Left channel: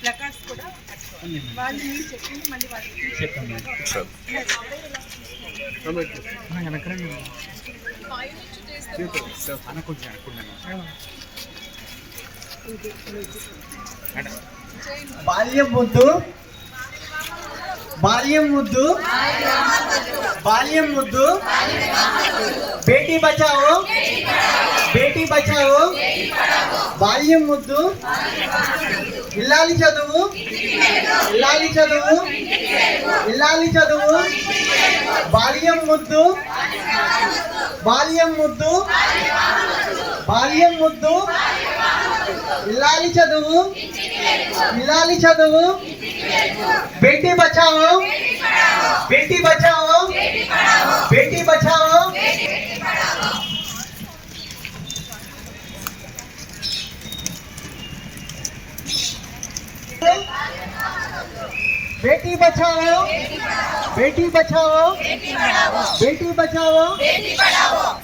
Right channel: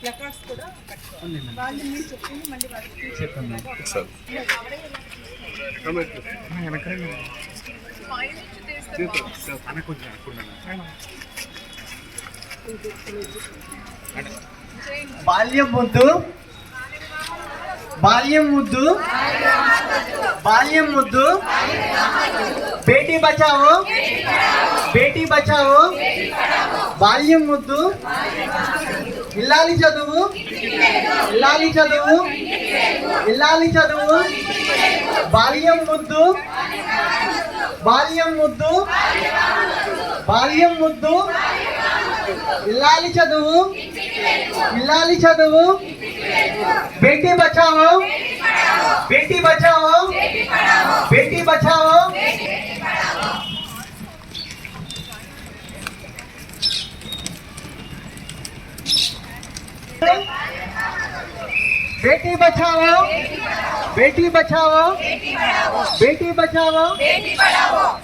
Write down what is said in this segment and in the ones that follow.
Placards కూడా వాళ్ళు మీరు చెప్పింది మళ్ళీ వాళ్ళకి బాల్యం ముద్దు బాల్యం ముద్దు బాల్యం ముద్దు బేటీ బచావో? బేటీ బచావో? బాల్యం ముద్దు? ఇల్లాలి చదువు? ఇల్లాలి చదువు? ఇల్లాలి చదువు? బాల్యం ముద్దు? బాల్యం ముద్దు? బాల్యం ముద్దు? ఇల్లాలి చదువు? ఇల్లాలి చదువు? బేటీ బచావో? బేటీ బచావో? బేటీ బచావో? बेटी बचाओ। बेटी बचाओ। बेटी बचाओ। बेटी बचाओ।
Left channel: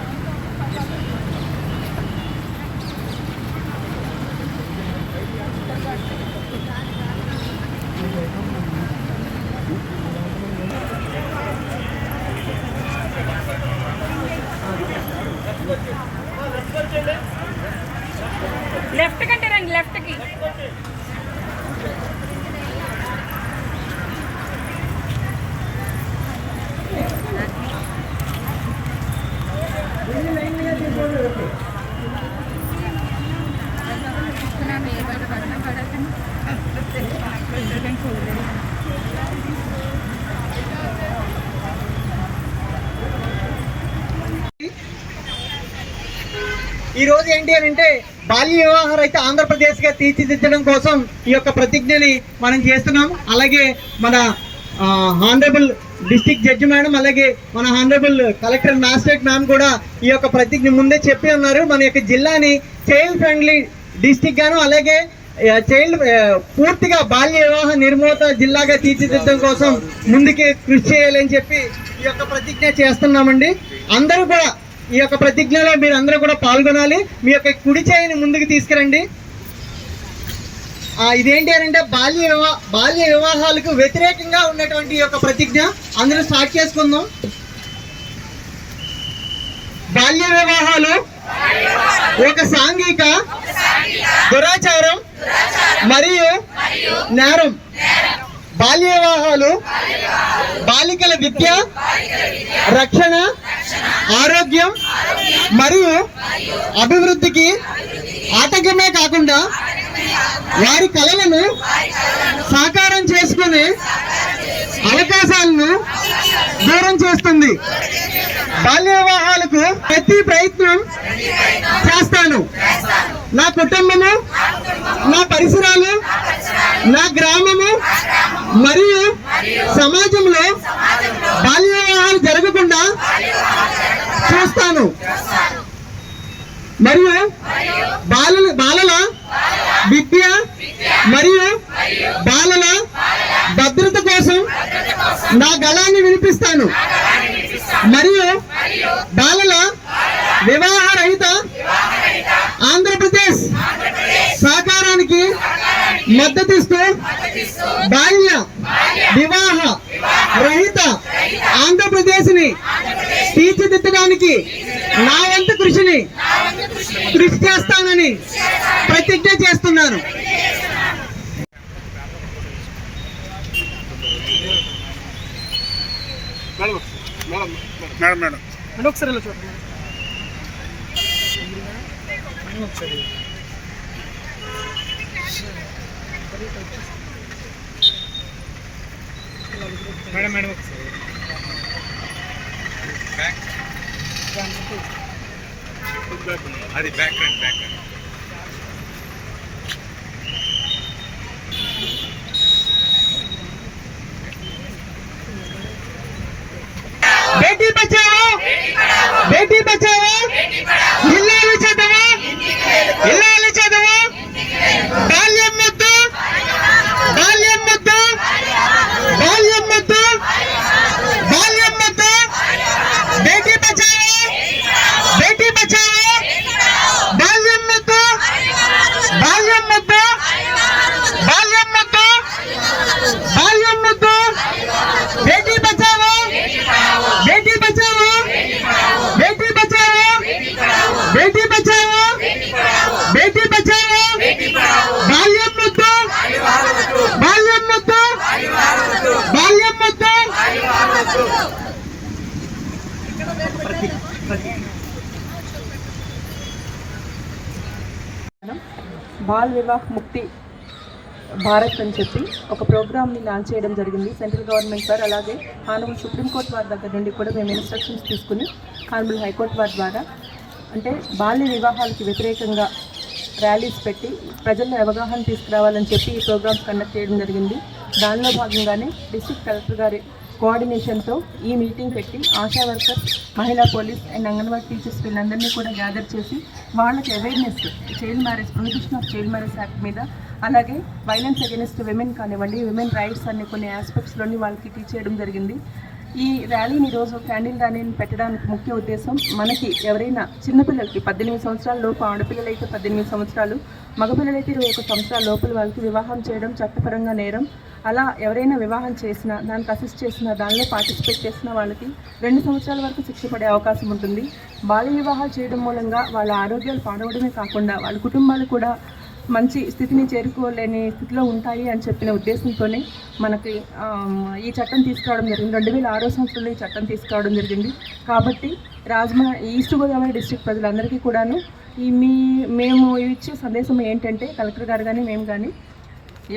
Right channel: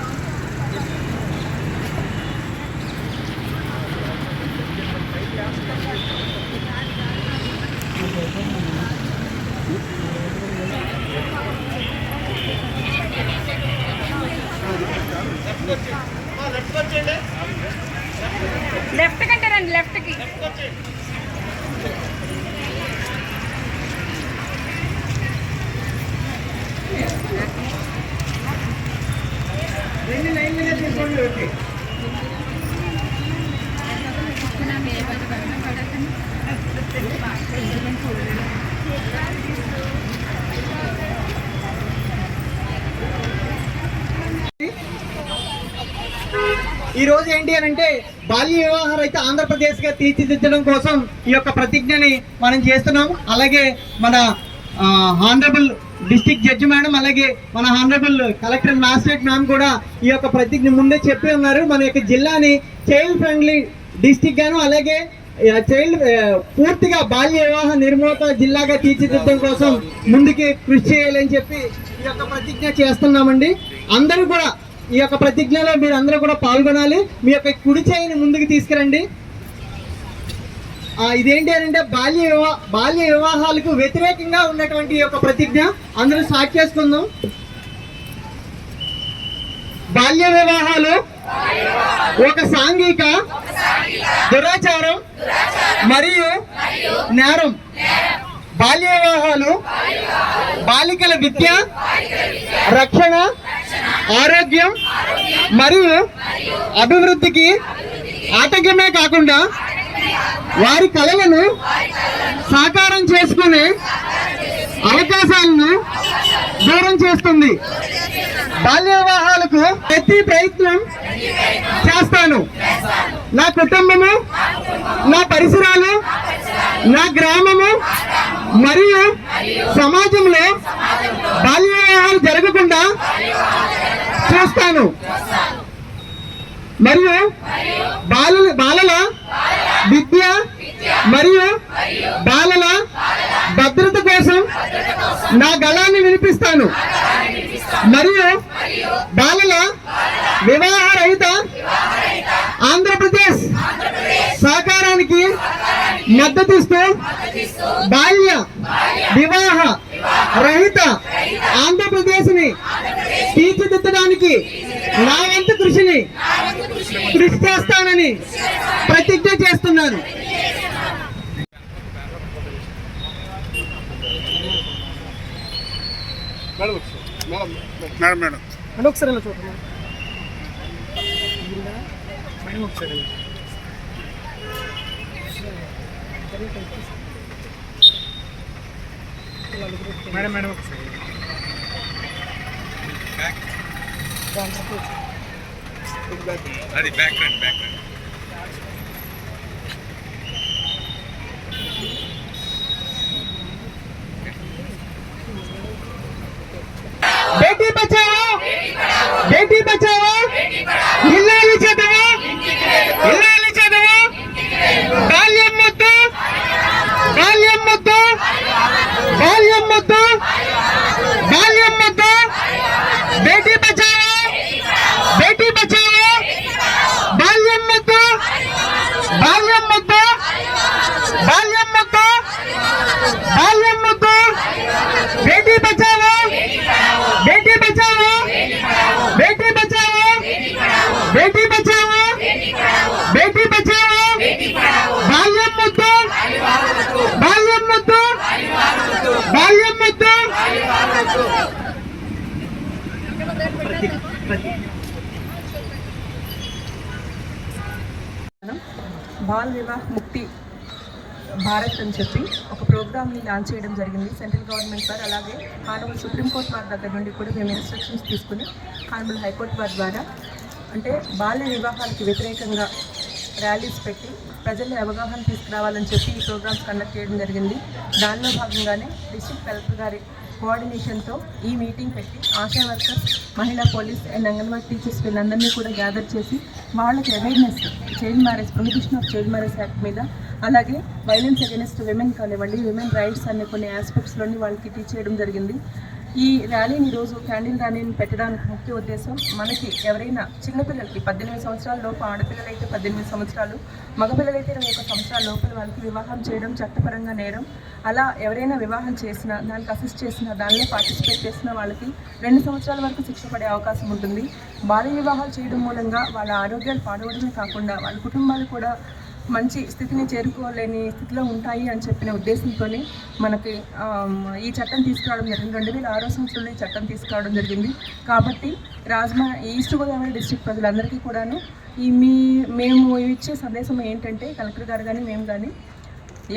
లెఫ్ట్ కంటే రండి లెఫ్ట్ ఈ రోజు ఏంటి అని అంటే బాల్య వివాహాలు అయితే ఆంధ్రప్రదేశ్గా తీర్చిదిద్దడం కోసం ఈ యొక్క ప్రతిజ్ఞని మనం చేస్తున్నాం అలాగే మన హానరబుల్ డిస్టిక్ జడ్జి మేడం అలాగే మన హానరబుల్ కలెక్టర్ మ్యాజిస్ట్రేట్ మ్యామ్ కూడా ఈ యొక్క ప్రతిజ్ఞ ముందే చెప్పి ఉన్నారు. మన యొక్క జిల్లాని చైల్డ్ ఫ్రెండ్లీ డిస్టిక్ గాను అలాగే చైల్డ్ పూర్తిగా బాల్య వివాహ నిర్మూలత జిల్లాగా తీర్చిదిద్దడం కోసం ముందుకి కృషి చేయాలని చెప్పి ఈ యొక్క ప్రతిజ్ఞ చేస్తున్నామండి. అందరూ కూడా ఈ యొక్క ప్రతిజ్ఞలో మీరు అందరూ కూడా పాల్గొనాలి. మీ యొక్క కుడి చేయిని ముందుకు తీసుకురండి. ఇదేంటి అని అంటే బాల్య వివా బాల్య వివాహాలకు వ్యతిరేకంగా ఉన్నటువంటి ఈ యొక్క ప్రతిజ్ఞ. అందరూ స్టార్ట్ చేసుకుందాం. బాల్య వివాహాలు ఒక సాంఘిక దురాచారం మరియు నేరం. బాల్య వివాహాలు బాలికల విద్య రక్షణ ఆరోగ్యం మరియు అభివృద్ధికి ఆటంకమే కాకుండా వారి కళలను సాకారం చేసుకునే అవకాశాలను దూరం చేస్తుంది. బాల్య వివాహాలకు ప్రతి ప్రయత్నం చేస్తాను. నా కుటుంబము నా పరిసరాలు నా గ్రామము మరియు సమాజంలో బాల్య వివాహాలు జరగకుండా చూస్తాను. మరియు బాలల బాలల విద్య మరియు బాలల భద్రత కోసం నా గళాన్ని వినిపిస్తాను. మరియు బాలల వివాహ రహిత ఆంధ్రప్రదేశ్ సహకారానికి మద్దతిస్తూ బాల్య వివాహ రహిత ఆంధ్రప్రదేశ్ని తీర్చిదిద్దడానికి నా వంతు కృషిని కృషి చేస్తానని ప్రతిజ్ఞ చేస్తున్నాను. Madam madam. ఒకసారి చూడండి. ఒకసారి మేడం మేడం ఒకసారి అది బ్యాక్ బ్యాక్ బేటీ బచావో బేటీ బచావో ఇల్లాలు చదువు ఇల్లాలు చదువు బాల్యం ముద్దు బాల్యం ముద్దు బాల్యం ముద్దు బాల్యం ముద్దు బేటీ బచావో బేటీ బచావో బాల్యం ముద్దు బాల్యం ముద్దు బాల్యం ముద్దు బాల్యం ముద్దు బేటీ బచావో బేటీ బచావో బేటీ బచావో బేటీ బచావో బేటీ బచావో బాల్యం ముద్దు బాల్యం ముద్దు బాల్యం ముద్దు బాల్ వివాహ్ ముక్తి భారత్ అని చెప్పి ఒక ప్రోగ్రామ్ని లాంచ్ చేయడం జరిగింది. సెంట్రల్ గవర్నమెంట్ సార్ అలాగే హానబుల్ సుప్రీంకోర్టు వారి దగ్గర నుండి కూడా మేము ఇన్స్ట్రక్షన్స్ తీసుకుని హానబుల్ హైకోర్టు వారి ద్వారా అంటే బాల్య వివాహాలకి వ్యతిరేకంగా ర్యాలీస్ పెట్టి ప్రజల్లో అవగాహన తీసుకురావాలని చెప్పి ఈ ప్రోగ్రామ్స్ కండక్ట్ చేయడం జరిగింది. దానిలో భాగంగానే డిస్ట్రిక్ట్ కలెక్టర్ గారి కోఆర్డినేషన్తో ఈ మీటింగ్ పెట్టి ఆశా వర్కర్స్ మహిళా పోలీస్ అండ్ అంగన్వాడీ టీచర్స్ వీళ్ళందరినీ కూడా గ్యాదర్ చేసి వాళ్ళకి awareness child marriage prohibition of child marriage act మీద అలాగే వైలెన్స్ అగేనెస్ట్ విమెన్ కానివ్వండి విమెన్ రైట్స్ అనే కొన్ని ఆస్పెక్ట్స్లోని వాళ్ళకి టీచ్ చేయడం జరిగింది. ఈ ర్యాలీని ఈరోజు క్యాండిల్ ర్యాలీని పెట్టడానికి ముఖ్య ఉద్దేశం మనకి ఎవరైనా చిన్నపిల్లలకి పద్దెనిమిది సంవత్సరాల లోపు ఆడపిల్లలైతే పద్దెనిమిది సంవత్సరాలు మగపిల్లలైతే ఇరవై ఒక సంవత్సరాల లోపల వాళ్ళకి వివాహం చేయడం చట్టపరంగా నేరం. అలా ఎవరైనా వివాహం చేసినా దానికి అసిస్ట్ చేసినా దానిలో పార్టిసిపేట్ చేసిన వాళ్ళకి రెండు సంవత్సరాల వరకు శిక్ష పడే అవకాశం ఉంటుంది. బాల్య వివాహాలు చేయడం మూలంగా వాళ్ళ ఆరోగ్యాలు పాడవడమే కాకుండా వాళ్ళ కుటుంబాలు కూడా మంచి స్థితిని చేరుకోలేని స్థితిలో ఉంటాయి అని చెప్పిన ఉద్దేశంతోనే మనకి ఈ చట్టం తీసుకురావడం జరిగింది. రెండు వేల ఆరో సంవత్సరంలో ఈ చట్టం తీసుకురావడం జరిగింది. కాబట్టి రాజమా ఈస్ట్ గోదావరి డిస్ట్రిక్ట్ ప్రజలందరికీ కూడాను ఈ మీ మేము ఇచ్చే సందేశం ఏంటంటే కలెక్టర్ గారు కానీ మేము కానీ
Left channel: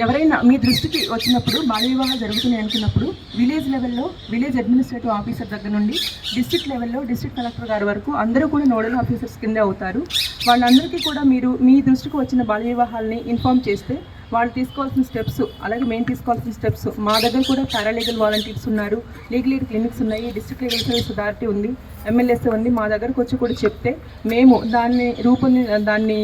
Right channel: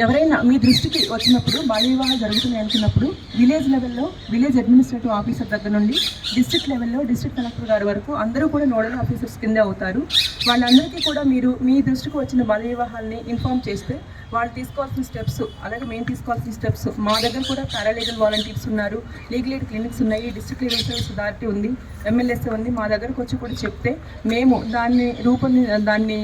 ఎవరైనా మీ దృష్టికి వచ్చినప్పుడు బాల్య వివాహాలు జరుగుతున్నాయి అనుకున్నప్పుడు విలేజ్ లెవెల్లో విలేజ్ అడ్మినిస్ట్రేటివ్ ఆఫీసర్ దగ్గర నుండి డిస్ట్రిక్ట్ లెవెల్లో డిస్ట్రిక్ట్ కలెక్టర్ గారి వరకు అందరూ కూడా నోడల్ ఆఫీసర్స్ కింద అవుతారు. వాళ్ళందరికీ కూడా మీరు మీ దృష్టికి వచ్చిన బాల్య వివాహాలని ఇన్ఫామ్ చేస్తే వాళ్ళు తీసుకోవాల్సిన స్టెప్స్ అలాగే మేము తీసుకోవాల్సిన స్టెప్స్. మా దగ్గర కూడా పారాలీగల్ వాలంటీర్స్ ఉన్నారు. లీగల్ ఎయిడ్ క్లినిక్స్ ఉన్నాయి డిస్ట్రిక్ట్ లీగల్ సర్వీస్ అథారిటీ ఉంది ఎమ్మెల్యేస్ ఉంది. మా దగ్గరకు వచ్చి కూడా చెప్తే మేము దాన్ని రూపొంది దాన్ని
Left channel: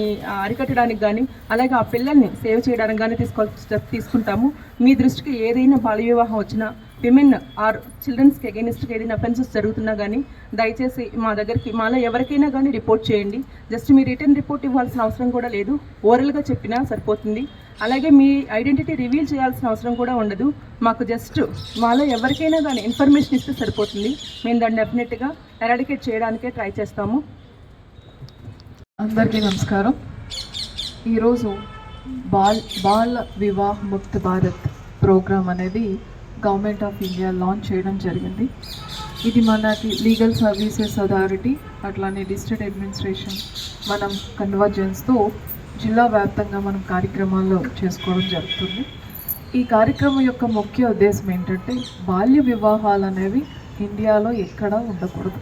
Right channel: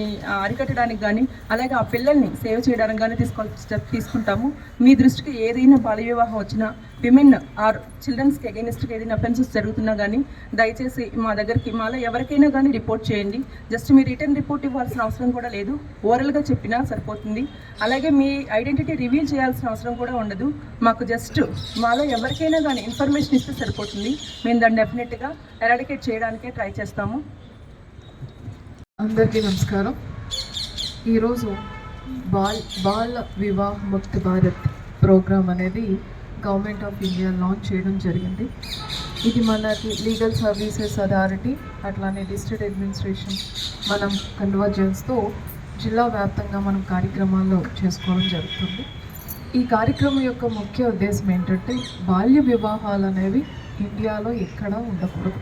అరికట్టడానికి కానీ అలాగే ఆ పిల్లల్ని సేవ్ చేయడానికి కానీ తీసుకోవాల్సిన స్టెప్ తీసుకుంటాము. మీ దృష్టికి ఏదైనా బాల్య వివాహం వచ్చినా విమెన్ ఆర్ చిల్డ్రన్స్కి అగెనిస్ట్గా ఏదైనా అఫెన్సెస్ జరుగుతున్నా కానీ దయచేసి మా దగ్గరికి మాలో ఎవరికైనా కానీ రిపోర్ట్ చేయండి. జస్ట్ మీ రిటర్న్ రిపోర్ట్ ఇవ్వాల్సిన అవసరం కూడా లేదు. ఓరల్గా చెప్పినా సరిపోతుంది. అలాగే మీ ఐడెంటిటీ రివీల్ చేయాల్సిన అవసరం కూడా ఉండదు. మాకు జస్ట్ మాలో ఎవరికైనా కానీ ఇన్ఫర్మేషన్ ఇస్తే సరిపోతుంది. మేము దాన్ని డెఫినెట్గా ఎరాడికేట్ చేయడానికే ట్రై చేస్తాము. అందరికీ నమస్కారం. ఈరోజు బాల్ బాల వివాహ ముక్త భారత్ ప్రోగ్రాం అనేది గవర్నమెంట్ ఆఫ్ ఇండియా లాంచ్ చేయడం జరిగింది. ఇది మనకి లీగల్ సర్వీసెస్ అథారిటీ అట్లానే డిస్ట్రిక్ట్ అడ్మినిస్ట్రేషన్ మనం కన్వర్జెన్స్తో జిల్లా వ్యాప్తంగా మనం కార్యక్రమాలు చేసుకోవడం జరుగుతుంది. ఈ కార్యక్రమం యొక్క ముఖ్య ఉద్దేశం ఏంటంటే బాల్య వివాహాలు అనేవి ఇండియాలో ఎక్కడా ఉండకూడదు.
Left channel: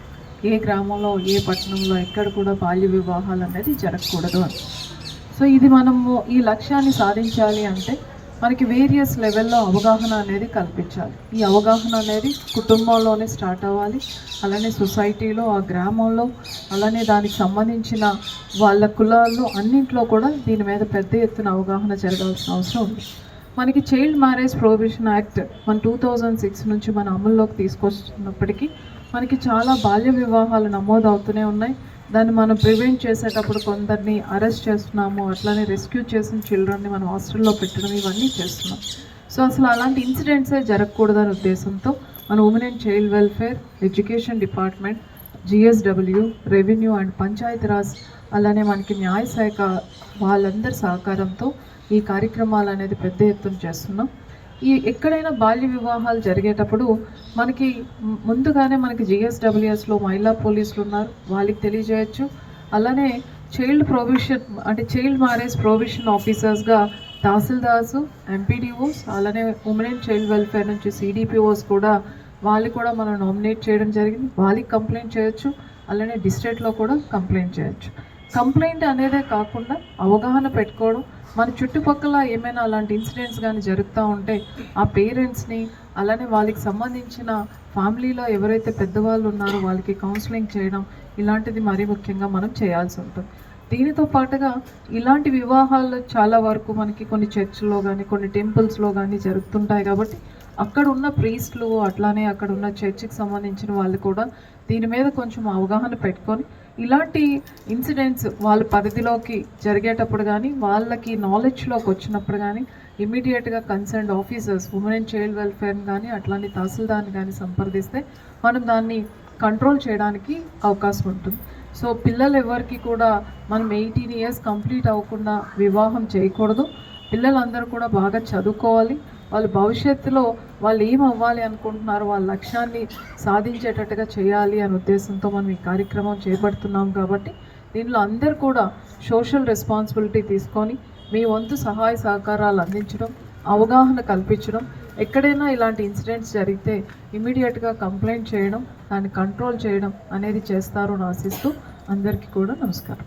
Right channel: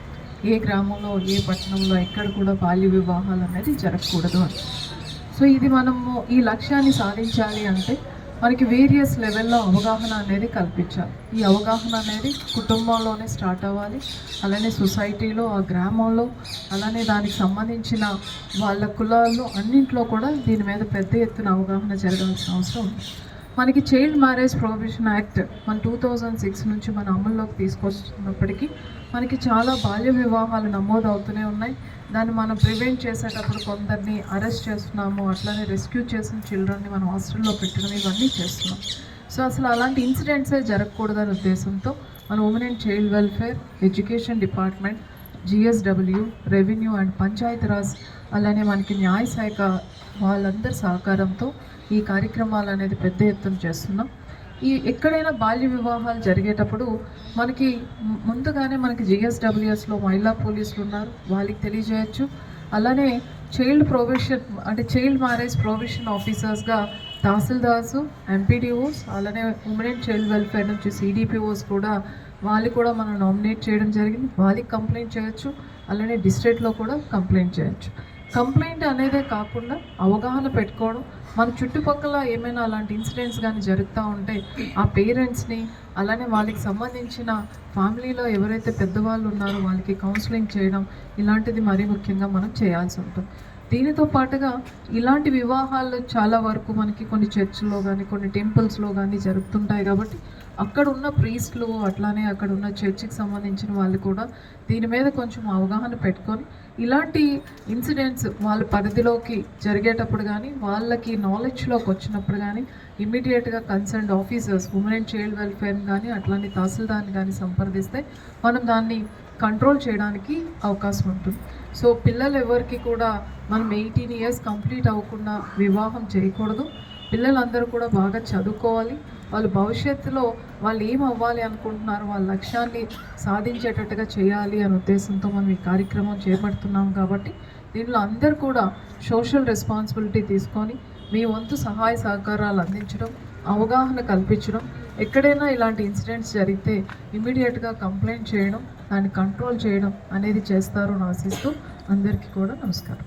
ఏ గ్రామంలో ఏ పట్టణంలో ఎక్కడ కూడా బాల్య వివాహాలు అనేది జరగకూడదు అని. సో ఇది మనము ఈ లక్ష్యాన్ని సాధించాలి అంటే మనకి వేరియస్ లెవెల్లో అవగాహన అనేది కల్పించాలి. ఈ అవగాహన అనేది కుటుంబంలోనే స్టార్ట్ అవ్వాలి. అలానే సొసైటీలో ఆ గ్రామంలో అలానే దానికి సంబంధించిన వాళ్ళ కులాల్లో అన్నింట్లో కూడా దీని మీద పెద్ద ఎత్తున అవగాహన జరగాల్సిన అవసరం ఉంది. మనకి చైల్డ్ మ్యారేజ్ ప్రొహిబిషన్ యాక్ట్ మన టూ థౌజండ్ సిక్స్ నుంచి మన అమల్లోకి తీసుకొస్తున్నప్పటికీ మనకి చాలా బాల్య వివాహాలు నమోదు అవుతూనే ఉన్నాయి. దాన్ని మనం ప్రివెంట్ చేసేటప్పుడు కొందరిని అరెస్ట్ చేస్తున్నాము. అట్లానే రెస్క్యూ చేసిన చిల్డ్రన్ని మనం హాస్టల్లో పెట్టడం ఇవన్నీ చేస్తున్నాం. సో అసలు అలాంటి ఇన్సిడెంట్సే జరగకూడదనే ఉద్దేశంతో మన women and child welfare education department GSW revenue and Panchayati Raj అలానే మనకి న్యాయ శాఖ వాళ్ళందరి సహకారంతో ఈ కార్యక్రమాలు అనేది పెద్ద ఎత్తున చేస్తున్నాం. ఈ ఎక్కడైనా బాల్య వివాహాలు జరిగేటప్పుడు మనకి ముందుగానే మనకి జిఎస్డబ్ల్యూఎస్లో మహిళా పోలీసులు ఉన్నారు. వాళ్ళకి తెలియజేయచ్చు. అలానే చైల్డ్ ప్రొవిషన్ అంటే చైల్డ్ మ్యారేజ్ ప్రొవిషన్ ఆఫీసర్స్గా తహసీల్దార్స్ ఎంపీడీఓస్ అలానే ఉమెన్ అండ్ చైల్డ్ వెల్ఫేర్ నుంచి సిడిపిఓస్ కూడా వాళ్ళు కూడా మనం నామినేట్ చేయడం జరిగింది. వాళ్ళకి కంప్లైంట్ చేయొచ్చు. అలానే డిస్ట్రిక్ట్లో కూడా కంప్లైంట్ చేయొచ్చు. కంప్లైంట్ అనేదే కాకుండా అవగాహన పెట్టుకోవడం. మన చుట్టుపక్కల ఏమైనా అలాంటి ఇన్సిడెంట్స్ కానీ జరుగుతూ ఉంటే ఆ పేరెంట్స్ని అలానే వాళ్ళకి సంబంధించిన ఫ్యామిలీలో ఎవరైతే పెద్దవాళ్ళు ఉన్నారో వాళ్ళకి కౌన్సిలింగ్ చేయడం ఇలాంటిది మరీ ముఖ్యంగా మనం చేయాల్సి ఉంటుంది. దీనితో పాటుగా ఇలాంటి వివాహాలు చాలా వరకు మనకి కొన్ని చర్చ్లో కానీ కొన్ని టెంపుల్స్లో కానీ జరుగుతుంటాయి కాబట్టి అక్కడ ఉన్న ప్రీస్ట్లు అట్లానే అక్కడ ఉన్న చర్చికి సంబంధించిన వాళ్ళు కూడా దీని మీద కొంచెం అవగాహన పెట్టుకొని ఇలాంటి ఇన్సిడెంట్స్ వాళ్ళ పరిధిలోకి జరిగేటప్పుడు కానీ వాళ్ళకి నాలెడ్జ్లోకి వచ్చినప్పుడు కానీ ఇమీడియట్గా concerned officers women and child welfare కానీ అట్లాంటి తహసీల్దార్ని కానీ సంప్రదిస్తే మనం దాన్ని కంట్రోల్ చేయడానికి అవకాశం ఉంటుంది. సో పిల్లలు ఎవరికి కూడా మనం ఎయిటీన్ ఇయర్స్ కంప్లీట్ అవ్వకుండా వివాహం చేయకూడదు. పిల్లలందరూ కూడా బాగా చదువుకోవాలి. వాళ్ళు భవిష్యత్తులో వాళ్ళు ఏం అవ్వాలి అనుకుంటున్నారు వాళ్ళ లక్ష్యాన్ని సాధించేటట్టుగా చేయాలి అనే ఉద్దేశంతో మనం ఈ కార్యక్రమం చేపడుతున్నాం కాబట్టి దీనిలో అందరు కూడా సోషల్ రెస్పాన్సిబిలిటీ తీసుకొని మీ వంతు సహాయ సహకారాలు అందించడం అవగాహన కల్పించడం ఎక్కడైనా ఇలాంటి ఇన్సిడెంట్స్ జరిగితే ఇమీడియట్గా కంప్లైంట్ చేయడం దాన్ని కంట్రోల్ చేయడం అనేది చేస్తారు అని ఆశిస్తూ అందరికీ కూడా నమస్కారం.